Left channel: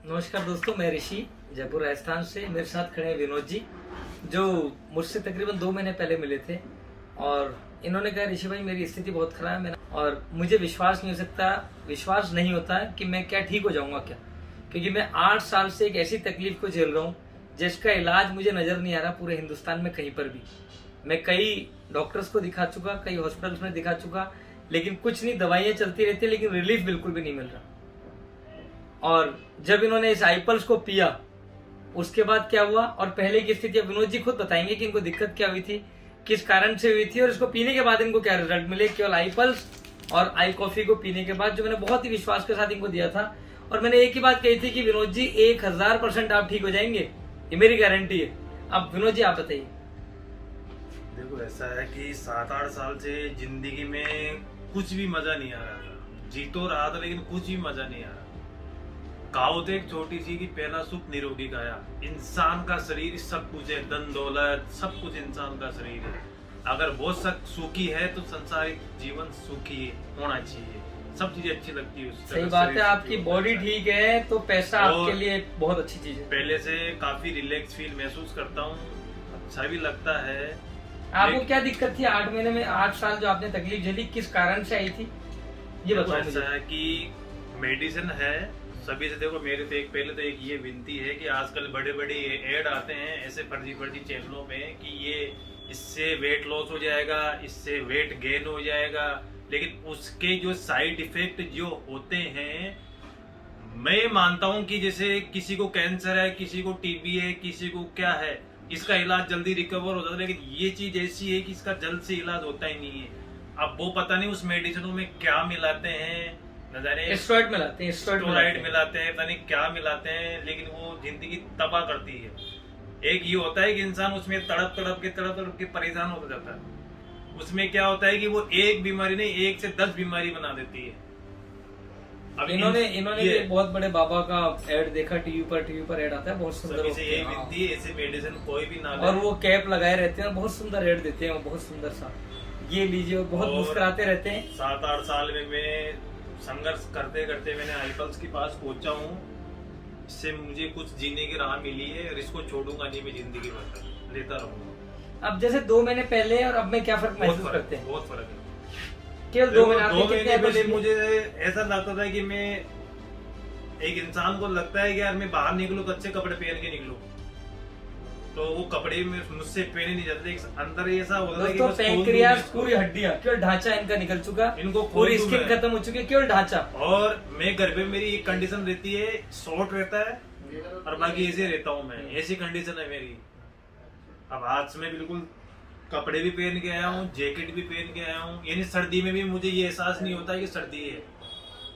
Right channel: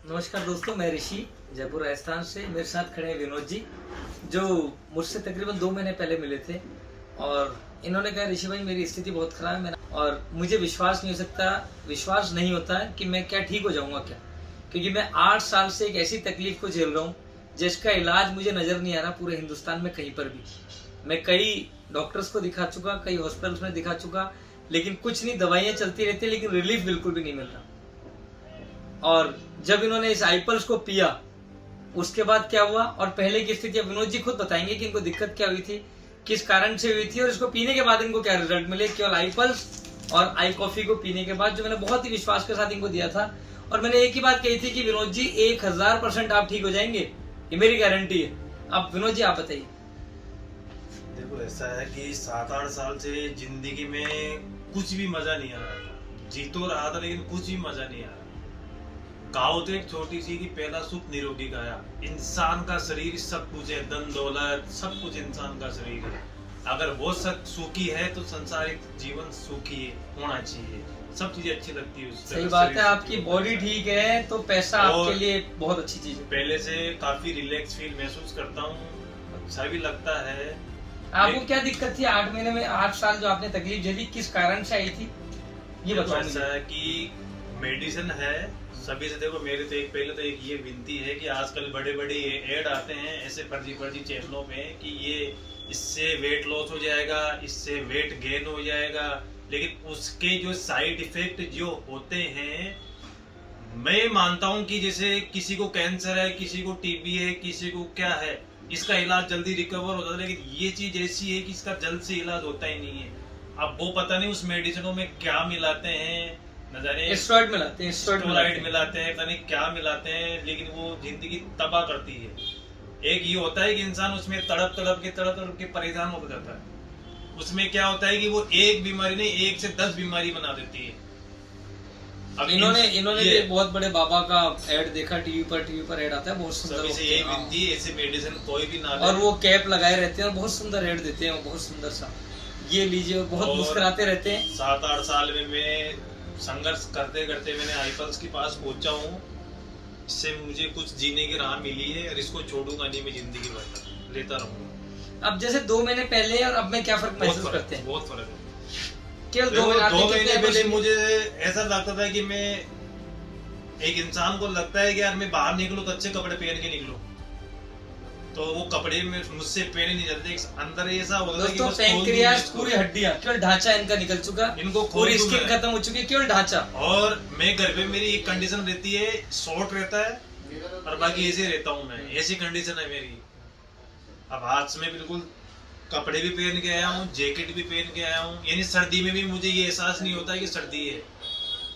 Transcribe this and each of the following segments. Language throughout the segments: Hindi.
नमस्कार दोस्तों, मैं ऋषि जयपुर राजस्थान से। मेरे साथ खड़े हैं विनोद जी, जो मुझसे तकरीबन 2 महीने पहले मिले थे। और इन्होंने कहा, ऋषि भाई मेरी स्थिति बहुत खराब है और मुझे विश्वास नहीं होता है कि मैं क्या ठीक हो जाऊंगा क्या, क्योंकि मैं 8 साल से एक ऐसी तकलीफ को झेल रहा हूँ जिसका इलाज मुझे नजर नहीं आ रहा पूरे हिंदुस्तान में कहीं पर भी। मैं कई डॉक्टर्स को दिखा चुका, कई हॉस्पिटल्स में दिखा चुका, लेकिन कुछ नहीं, दवाइयां चलती रहती है लेकिन रिलीफ बिल्कुल भी नहीं मिल रहा। और जब इन्होंने इस आईपल्स को पिया उसके बाद क्या हुआ और पहले की स्थिति विनोद जी खुद बताएंगे कि इनको दिक्कत क्या हुई थी, किस कारण से हुई थी और इसको पीने के बाद इनको क्या रिजल्ट मिले। केवल आईपल्स और आई कॉफी को पीने के बाद, जो मैंने बहुत ही विश्वास के साथ इनको दिया था, और मैंने एक ही बात कही थी कि विनोद जी 1000% आप ठीक हो जाएंगे, ये मेरी गारंटी है। अब विनोद जी आप बताइए। देखो, ऐसा है कि 7-8 साल से जिंदगी में कुछ भी मजा नहीं आ रहा था। जी तो रहा था लेकिन कुछ भी मजा नहीं आ रहा। कहावत एक छोटी सी कि पहला सुख निरोगी काया। इंसान का शरीर सब कुछ है, धन दौलत सब कुछ इंसान का शरीर है। अगर वो सब सुखी है तो संसारिक जीवन सुखी होना चाहिए, सब चीजें अच्छी लगती है। सही बात है, आपकी बॉडी ठीक है तो पैसा आपके लिए बहुत अच्छी चीज है। पहले से काफी रिलैक्स फील महसूस करता हूँ, अच्छा भी लगता है। आपको क्या दिक्कत थी 8 महीने में? 8 साल जो आपने तकलीफ झेली, किस कारण से आई थी ये बताओ। ऐसा है कि मेडिसिन है सभी से। देखो, मेरे तो पहले तो एक ये विनती है कि आजकल बड़े बड़े एड आते हैं ऐसे फर्जी चैनलों पे कि ये इससे वेट लॉस हो जाएगा, इससे वेट गेन हो जाएगा, लेकिन उसके जो साइड इफेक्ट जो होते हैं, मैं मानता हूं कि जैसे किसी को कैंसर है, किसी को टीबी है, किसी को क्या है, इसका इलाज जल्दी रिकवर होता है, लेकिन ये चीज ऐसी है कि इसका जल्द से इलाज होता ही नहीं है। अब वो पता नहीं उस मेडिसिनों में क्या मिलाते हैं, न जाने स्टेरॉइड मिलाते हैं, स्टेरॉइड मिलाते हैं, पता नहीं क्या मिलाते हैं, लेकिन वो जिंदगी तबाह करती है। एक ये होता है कि इंसान उसमें तड़प तड़प के परेशान हो जाता है। उसमें क्या होता है कि वो एक बीमारी नहीं 1 से 10 बीमारी बना देती है। अब इन्होंने ये बहुत बड़े बाबा का ऐड देखा, टीवी पर ऐड आता है, बहुत सुंदर होते हैं। विनती है, ऐसे मेडिसिन कोई भी ना ले। और वो कैप लगाए रहते हैं, बहुत सुंदर ऐड देते हैं, वो बहुत सुंदर सा, ये लीजिए, और बहुत मुस्कुराते रहते हैं। 7-8 साल में मैं संघर्ष करते करते मैंने आईपल्स के पास पहुंचा हूँ। इससे मुझे कुछ जीने की राह मिली है और इसको छोड़ूंगा नहीं, मैं जिंदगी भर लेता रहूंगा। अब जैसे 2 महीने पहले और अब में क्या फर्क महसूस करते हैं? बहुत फर्क है। केवल 2 महीने पहले मुझे ऐसा लगता था कि मैं एक इंसान को लगता है कि यार मैं बाहर निकलूं तो अच्छे कपड़े पहन के निकलूं, तो वो कपड़े में मुझसे पहने नहीं जाते। अंदर ऐसा होता है कि बस पैंक्रियास, पूरी हड्डियां, केवल ढांचा इनका निकल चुका, इनको पूरी स्किन खत्म हो चुकी है, केवल ढांचा। और मैं घर पे मेरी एक कंडीशन रहती है, शॉर्ट रहता है और बाकी ऐसे रहता हूँ मैं, ऐसी कंडीशन है मेरी। अब आज में बिल्कुल कपड़े भी पहन के आया हूँ, जैकेट भी पहन के आया हूँ, यानी सर्दी में भी मुझे ये एहसास नहीं होता है कि सर्दी है।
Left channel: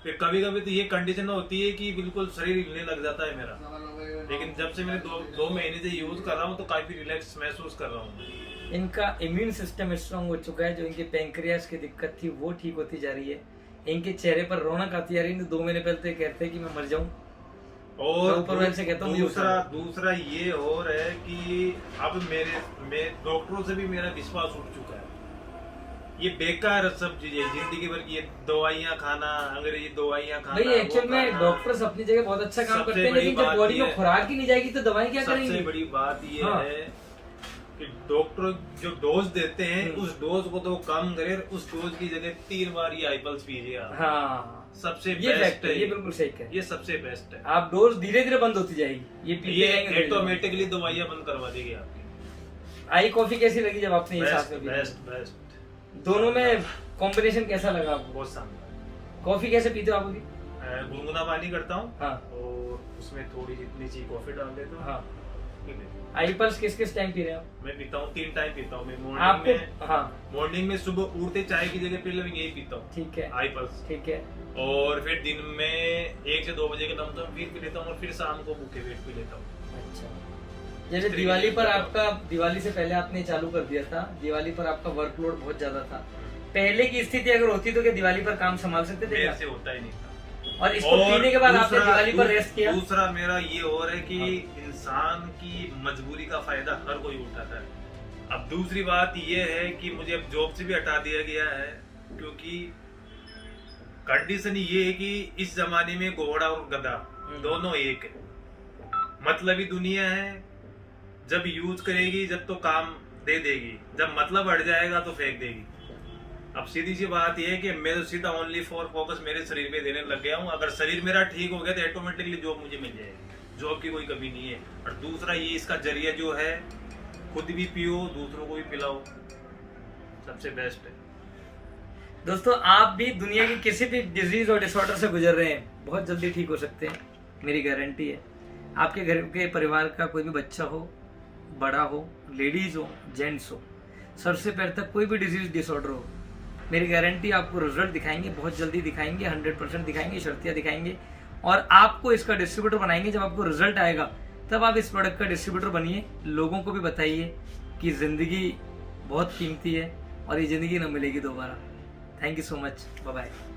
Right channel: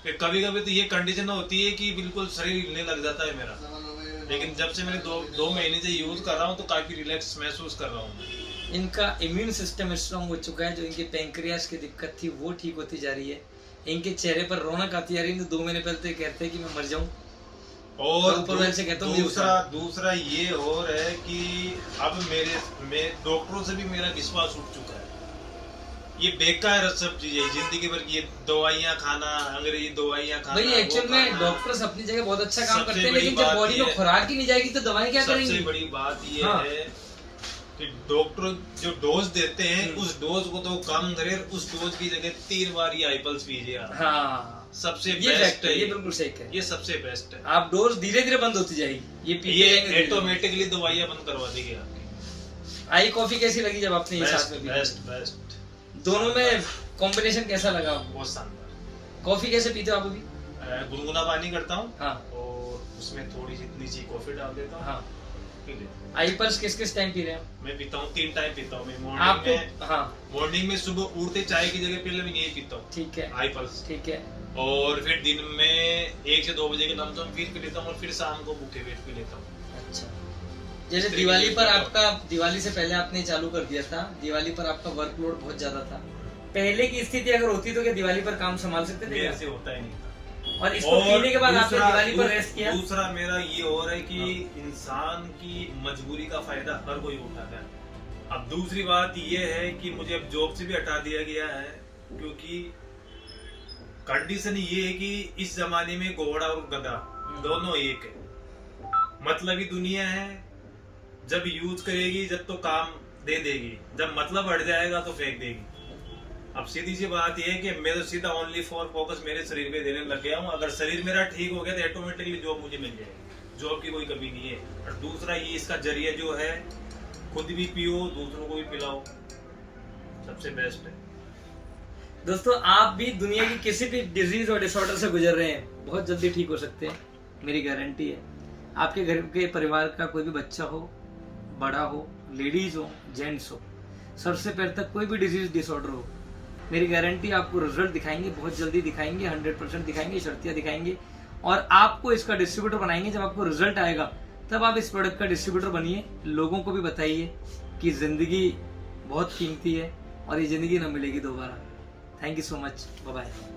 फिर कभी कभी तो ये कंडीशन होती है कि बिल्कुल शरीर हिलने लग जाता है मेरा, लेकिन जब से मैंने 2 महीने से यूज कर रहा हूँ तो काफी रिलैक्स महसूस कर रहा हूँ। इनका इम्यून सिस्टम स्ट्रांग हो चुका है, जो इनके पैंक्रियास की दिक्कत थी वो ठीक होती जा रही है, इनके चेहरे पर रौनक आती जा रही है। 2 महीने पहले तो कहते हैं कि मैं मर जाऊं, और ऊपर वाले से कहता हूं दूसरा ये और है कि अब मेरे डॉक्टरों से भी मेरा विश्वास उठ चुका है। ये बेकार सब चीजें जिंदगी भर की, ये दवाइयाँ खाना, अंग्रेजी दवाइयाँ खाना। भाई एक्चुअल में डॉक्टर्स अपनी जगह बहुत अच्छा काम करते हैं, लेकिन जब बॉडी में खुराक ही नहीं जाएगी तो दवाई क्या करेंगी? सबसे बड़ी बात ये है कि डॉक्टर जो डोज देते हैं उस डोज को तो कम करे, उस डोज की जगह 3 बार ये आईपल्स पीजिए आप। हाँ, सबसे बेस्ट है ये, बिल्कुल सही है, ये सबसे बेस्ट है। आप डोज धीरे धीरे बंद होती जाएगी, ये ऑटोमेटिकली दवाइयाँ बंद करवा देगी आपकी। आई कॉफी कैसी लगी जब आपने ये साथ में? बेस्ट। दोनों में कॉम्बिनेशन कैसा लगा आपको? बहुत शानदार। कॉफी कैसे पीते हो आप अभी? गुनगुना पानी करता हूँ, हाँ, और उसमें थोड़ी सी नीचे कॉफी डाल देता हूँ। हाँ, आईपल्स किस टाइम पी रहे हो? मैं पीता हूँ 3 टाइम पीता हूँ मैं मॉर्निंग में सुबह उठते चाय की जगह पहले मैं यही पीता हूँ। ठीक है, आईपल्स, ठीक है। और फिर दिन में 1 से 2 बजे के लमसम फिर पी लेता हूँ, और फिर शाम को भूखे पेट पी लेता हूँ। अच्छा, जैसे दिवाली पर आपका, दिवाली से पहले आपने चालू कर दिया था, दिवाली पर आपका वर्कलोड बहुत ज्यादा था। पहले की स्थिति अगर होती तो क्या दिवाली पर काम संभाल सकते थे? मेरे से होता ही नहीं था। और इसको पीने के बाद आपने दिवाली पर रेस्ट किया? दूसरा मेरा ये और है कि इंसान की मजबूरी का फायदा हर कोई उठाता है। अब दूसरी बात ये है कि मुझे अब जॉब से भी हटा दिया गया है, क्योंकि कंडीशन ये है कि इस जमाने में घोड़ा और गधा दोनों एक है। मतलबी दुनिया है, जब यूज करेगी जब तो काम दे देगी, जब मतलब हट जाएगा तो फेंक देगी। अब सीधी सी बात यह है कि मैं तो सीधा ओनली फॉर फोकस मेरे शरीर पे देने लग गया हूँ। अगर शरीर मेरा ठीक हो गया तो ऑटोमेटिकली जॉब मुझे मिल जाएगी, जॉब की कोई कमी नहीं है। और दूसरा ये इसका जरिया जो है, खुद भी पियो दूसरों को भी पिलाओ, सबसे बेस्ट है। दोस्तों आप भी दुनिया की किसी भी डिजीज और डिसऑर्डर से गुजर रहे हैं, बहुत जल्दी ठीक हो सकते हैं, मेरी गारंटी है। आपके घर के परिवार का कोई भी बच्चा हो, बड़ा हो, लेडीज हो, जेंट्स हो, सर से पैर तक कोई भी डिजीज डिसऑर्डर हो, मेरी गारंटी आपको रिजल्ट दिखाएंगे, बहुत जल्दी दिखाएंगे, 100% दिखाएंगे, शर्तियाँ दिखाएंगे और आपको इसका डिस्ट्रीब्यूटर बनाएंगे। जब आपको रिजल्ट आएगा तब आप इस प्रोडक्ट का डिस्ट्रीब्यूटर बनिए, लोगों को भी बताइए कि जिंदगी बहुत कीमती है और ये जिंदगी ना मिलेगी दोबारा। Thank you so much, bye bye.